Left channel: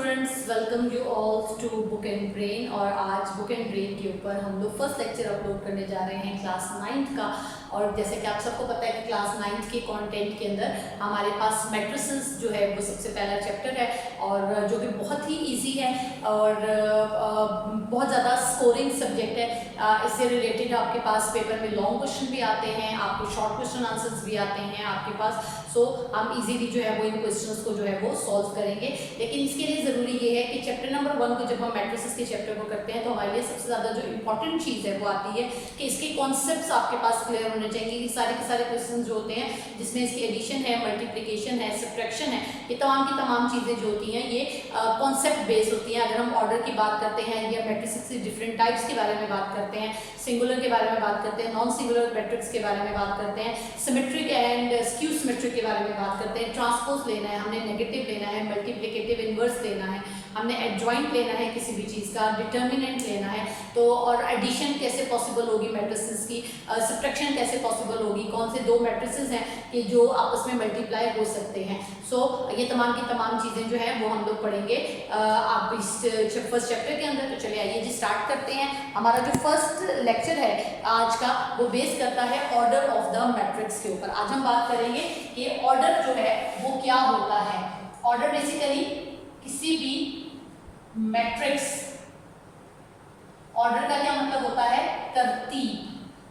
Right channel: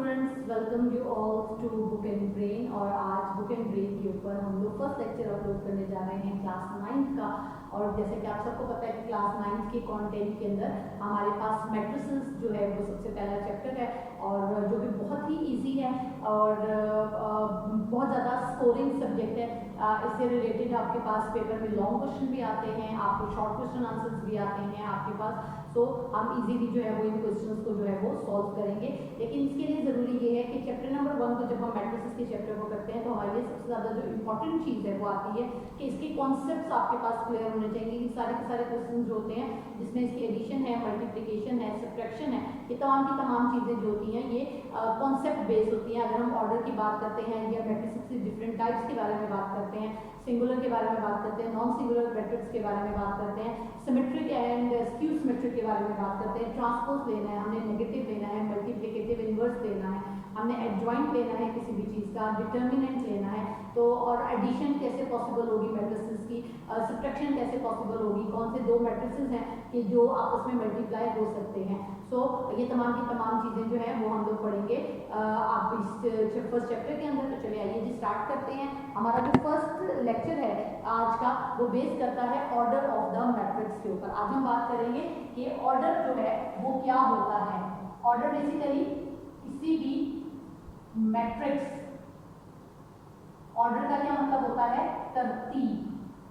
Students, welcome you all to book and brain. और आज book and brain के ऊपर हम लोग फर्स्ट लेक्चर अपलोड करने जा रहे हैं क्लास 9th का। और जैसे कि आप सबको पता है कि क्लास 9th के कंटेंट के अंदर हमारे पास मैट्रिसेस जो है वो सबसे पहला चैप्टर है, और जो कि बहुत ही इजी है और बहुत ज़्यादा स्कोरिंग सब्जेक्ट है। इससे रिलेटेड आपके पास पेपर में लॉन्ग क्वेश्चन भी आते हैं, आपको शॉर्ट क्वेश्चन आंसर्स भी आते हैं आपके पास। सो हम इजीली जो है वो इन क्वेश्चंस को जो है वो सॉल्व करेंगे। लेकिन इसके लिए ज़रूरी ये है कि चैप्टर नंबर 1 को जब हम मैट्रिसेस के चैप्टर को करते हैं तो हमारे लिए सबसे ज़्यादा जो इंपॉर्टेंट चीज़ है वो आती है कि इसके कॉन्सेप्ट्स आपके पास क्लियर होने चाहिए। ये सारे के सारे क्वेश्चन जो होते हैं जिसमें इसकी एडिशन है, मल्टीप्लिकेशन है, सब्ट्रैक्शन है, ये तमाम की तमाम चीज़ें जो होती हैं ये कॉन्सेप्ट बेस्ड होती हैं। अगर हम ऑर्डर की बात करते हैं या मैट्रिसेस के डिफरेंट टाइप्स के बारे में बात करते हैं, सिंगुलर के बारे में बात करते हैं, नॉन सिंगुलर मैट्रिक्स के बारे में बात करते हैं, सिमेट्रिक एंड स्क्यू सिमेट्रिक के बारे में बात करते हैं, ट्रांसपोज लेना है, हमने नेगेटिव लेना है, मल्टीप्लिकेटिव इनवर्स लेना है, हमने एडजॉइंट लेना है किसी भी चीज़ का, डिटर्मिनेंट लेना है, तो और एडिशन कैसे पॉसिबल होगी मैट्रिसेस की, सब्ट्रैक्शन कैसे पॉसिबल होगी, कौन से दो मैट्रिसेस हैं कि जो आपस में मल्टीप्लाई हो सकते हैं। सो ये तमाम की तमाम चीज़ें जो हैं वो हम लोग पढ़ेंगे आप इस फर्स्ट चैप्टर के अंदर। तो चलिए आइए जी स्टार्ट करते हैं। हमारा जो फर्स्ट लेक्चर है आज का वो बेस करता है ऑर्डर ऑफ द मैट्रिक्स के ऊपर। आज हम बात करेंगे कि ऑर्डर जो है वो क्या होता है। ऑर्डर बेसिकली किसी भी मैट्रिक्स, ऑर्डर का क्या मतलब होता है, तरतीब,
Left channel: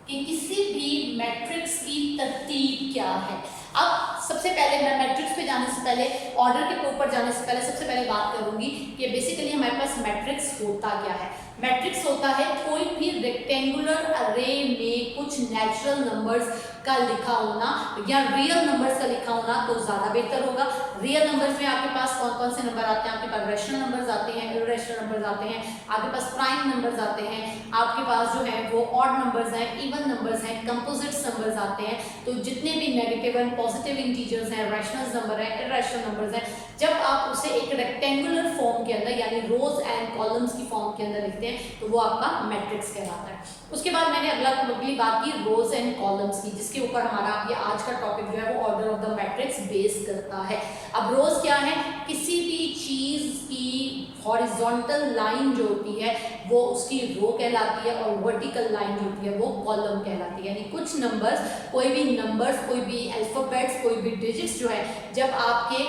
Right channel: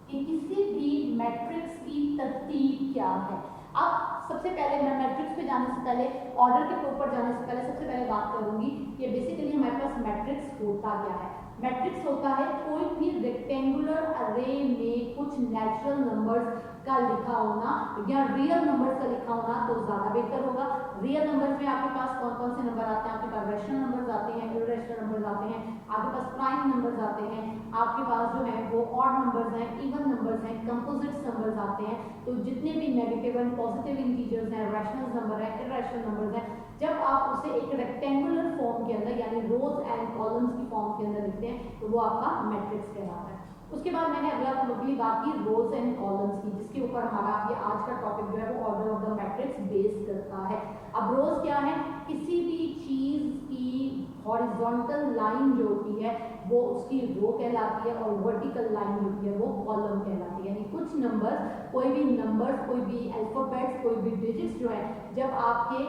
कि किसी भी मैट्रिक्स की तरतीब क्या है। अब सबसे पहले मैं मैट्रिक्स पे जाने से पहले, ऑर्डर के ऊपर जाने से पहले सबसे पहले बात करूंगी कि बेसिकली हमारे पास मैट्रिक्स होता क्या है। मैट्रिक्स होता है कोई भी रेक्टेंगुलर अरे में कुछ नेचुरल नंबर्स का लिखा होना या रियल नंबर्स का लिखा होना तो ज़्यादा बेहतर होगा। रियल नंबर्स में आपके पास कौन कौन से नंबर आते हैं, आपके पास रैशनल नंबर्स आते हैं, इर्रेशनल नंबर्स आते हैं, आपके पास प्राइम नंबर्स आते हैं, आपके पास जो है वो ऑड नंबर्स हैं, इवन नंबर्स हैं, कंपोजिट्स नंबर्स आते हैं। तो जितने भी नेगेटिव एंड पॉजिटिव इंटीजर्स हैं, रैशनल नंबर हैं, इर्रेशनल नंबर्स हैं, जब आप उसे एक रेक्टेंगुलर फॉर्म के अंदर यानी रोज एंड कॉलम्स की फॉर्म के अंदर लिखते हैं तो वो आपका मैट्रिक्स कहलाता है। उसके बाद मैंने अगली बात की रोज एंड कॉलम्स की, जिसके ऊपर हमारा ये आज का टॉपिक जो है वो order of the matrix base करता है। अब रोज क्या है, किसी भी चीज की हॉरिजॉन्टल लाइन जो होती है वो उसकी रो कहलाती है और वर्टिकल लाइन जो होती है वो कॉलम कहलाती है। यानी कुछ नंबर्स, कोई भी अल्फाबेट्स, कोई भी डिजिट्स जो है जब आपके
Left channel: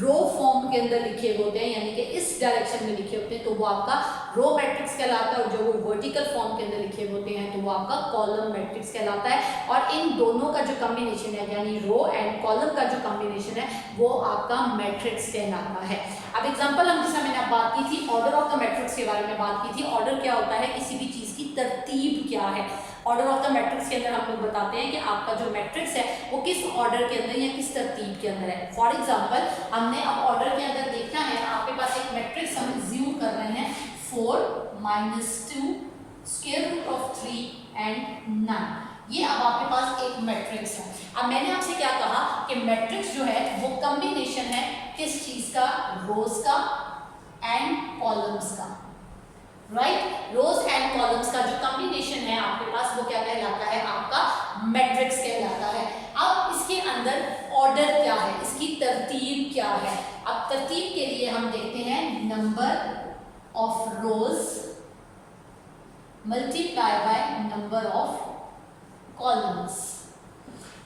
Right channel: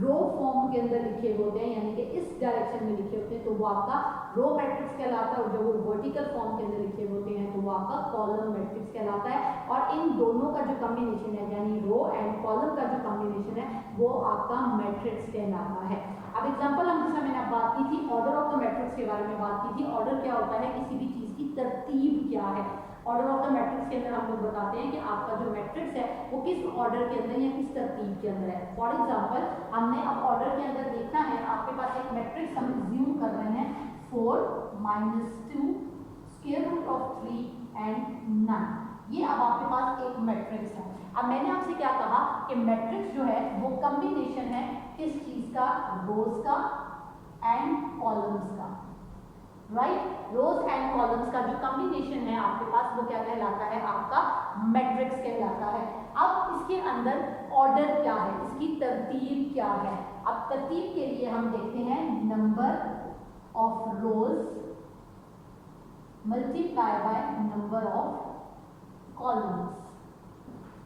रो फॉर्म के अंदर लिखे होते हैं यानी कि इस डायरेक्शन में लिखे होते हैं तो वो आपका रो मैट्रिक्स कहलाता है, और जो वो वर्टिकल फॉर्म के अंदर लिखे होते हैं तो वो आपका कॉलम मैट्रिक्स कहलाता है। और इन दोनों का जो कॉम्बिनेशन है यानी रो एंड कॉलम का जो कॉम्बिनेशन है वो आपका मैट्रिक्स कहलाता है। अब एग्जांपल हम जैसा मैंने बात की थी ऑर्डर ऑफ द मैट्रिक्स के बारे में बात की थी। ऑर्डर क्या होता है, किसी भी चीज़ की तरतीब क्या है। ऑर्डर ऑफ द मैट्रिक्स के अंदर हम लोग बताते हैं कि आपका जो मैट्रिक्स है वो किस ऑर्डर के अंदर या किस तरतीब के अंदर है। फॉर एग्जांपल हमने अब ऑर्डर के अंदर देखना है, आपके पास एक मैट्रिक्स हम अज्यूम कर रहे हैं 4 - 2 स्क्वायर रूट ऑफ 3 एंड 9। ये अब आपके पास एक मैट्रिक्स है। अब मैंने आपसे क्या कहा कि मैट्रिक्स जो है वो कॉम्बिनेशन है किस चीज का, रोज का एंड कॉलम्स का, राइट। रोज एंड कॉलम्स का जो कॉम्बिनेशन है आपके पास वो क्या कहलाता है, आपका मैट्रिक्स कहलाता है। अब इसके अंदर ऑर्डर क्या है, इसकी तरतीब क्या है। अब तरतीब के लिए हम देखते हैं number of rows multiply by number of columns.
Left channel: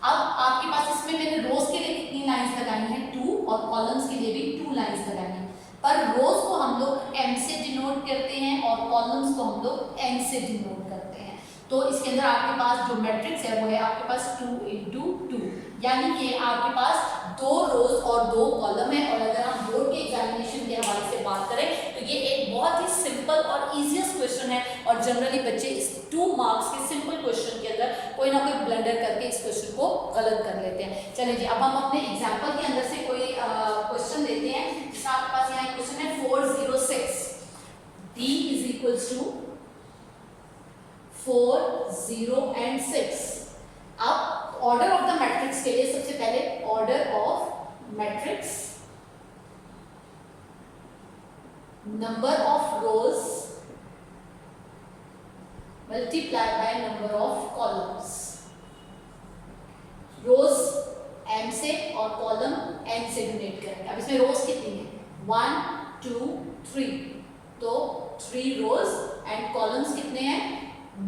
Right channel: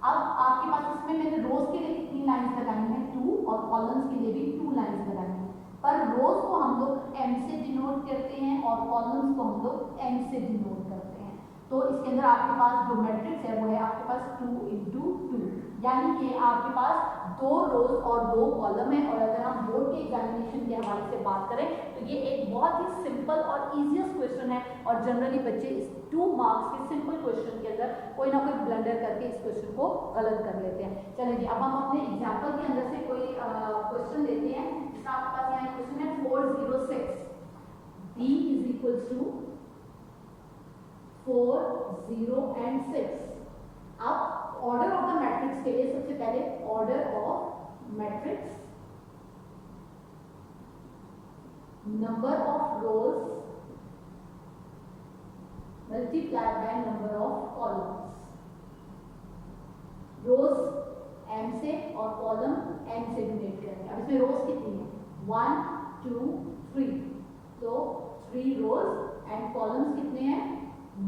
अब आपके पास इसमें मैंने रोज के लिए कितनी लाइंस लगाई हैं, 2, और कॉलम्स के लिए भी 2 लाइंस लगाई हैं। पर रोज को हम लोग m से डिनोट करते हैं और कॉलम्स को हम लोग n से डिनोट करते हैं। तो इसके अंदर आपके पास जो मैट्रिक्स है वो है आपके पास 2 × 2, यानी कि आपके पास 2 रोज और 2 कॉलम है। और अगर हम बोर्ड के एग्जामिनेशन के हवाले से बात करें तो ये एक बहुत ही सिंपल और ईजीएस्ट क्वेश्चन है, और जनरली बच्चे इस 2 मार्क्स के सिंपल क्वेश्चन के अंदर कोई ना कोई ब्लंडर करके इस क्वेश्चन को गलत कर लेते हैं। चलिए जी अब हम अपने एग्जाम्पल के अंदर से कोई क्वेश्चन लेते हैं। जैसे आपके पास यहाँ क्वेश्चन है 406 d = 4, 0 and 6। अब ऑर्डर ऑफ द मैट्रिक्स के लिए सबसे पहले order of matrix, number of rows multiply by number of columns. Rows m से और कॉलम n से डिनोट करेंगे। अब इसमें रोज कितनी है, 1 2 3, तो 3 रोज एंड कॉलम्स कितने हैं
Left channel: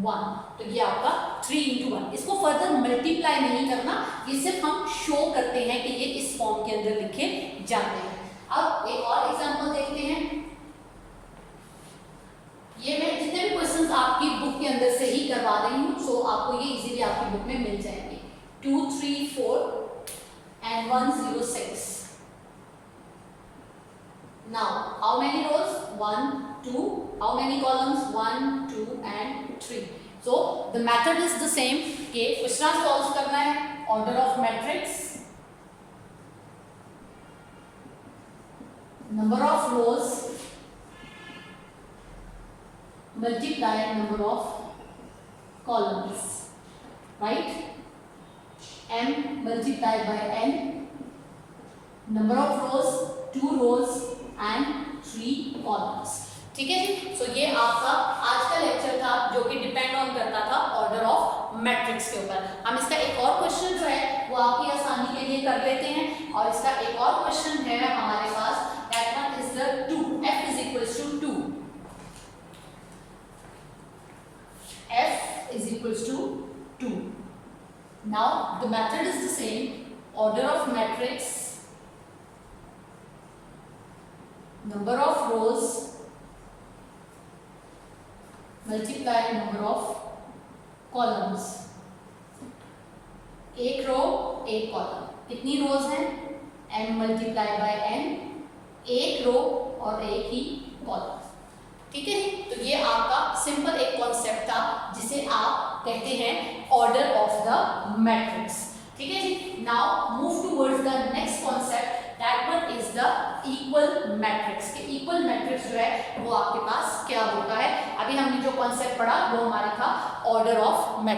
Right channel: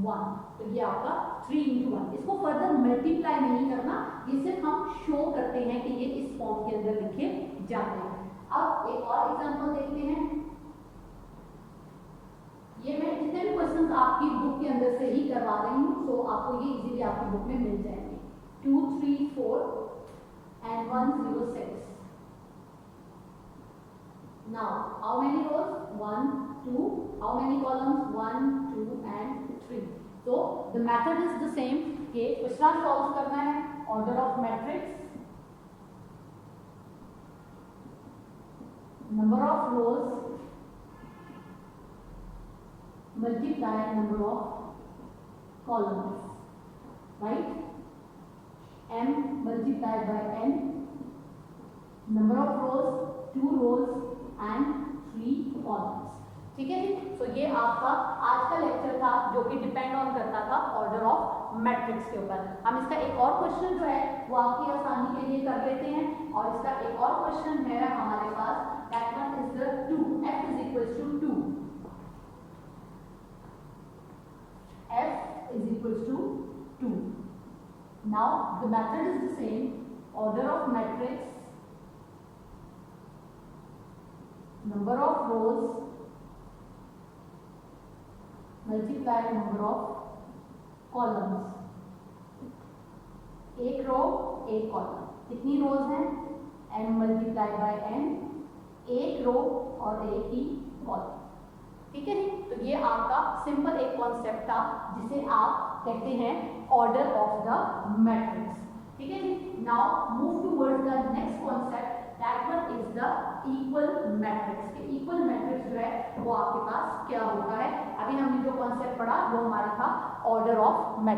1, तो ये आपका 3 into 1। इसको फर्दर मल्टीप्लाई नहीं करना, ये सिर्फ हम शो करते हैं कि ये इस फॉर्म के अंदर लिखे जाते हैं। अब एक और एग्जांपल देखते हैं। ये मैं जितने भी क्वेश्चंस आपकी बुक के अंदर से ही करवा रही हूँ, सो आपको ये इजीली आपकी बुक में मिल जाएंगे। 2, 3, 4 and 1, 0, 6। Now, how many rows? 1, 2. How many columns? 1, 2 and 3. So, the method is the same. कि क्वेश्चन सॉल्व करना है, order of matrix, number of rose multiply number of columns, right? M multiplied by n, number of rows 2 rows and 3 columns। ठीक है जी। सो ये आपका आज का lecture था जो कि डिपेंड ऑन करता था ऑर्डर ऑफ मैट्रिक्स के ऊपर। हम इसका एक और क्वेश्चन जो है वो आपकी आसानी के लिए कर लेते हैं, और इसका एक और क्वेश्चन है हमारे पास, that one is the 2, f is equals to 2, f is equals to 2। Now the method is the same, order of matrix, number of rows multiply number of columns। एक रो एक कॉलम, कितनी रोज हैं m मल्टीप्लाई बाय n, एक रो और एक ही column. ठीक है जी। तो ये आपका सिंपल एक कॉन्सेप्ट था जिसे आप कहते हैं ऑर्डर ऑफ द मैट्रिक्स। ठीक है जी। Now move towards the next concept, that one is the equal matrix. के इक्वल मैट्रिक्स जो है वो आपके पास क्या होता है। अभी हमने जो कॉन्सेप्ट पढ़ा वो हमारा था ऑर्डर ऑफ मैट्रिक्स।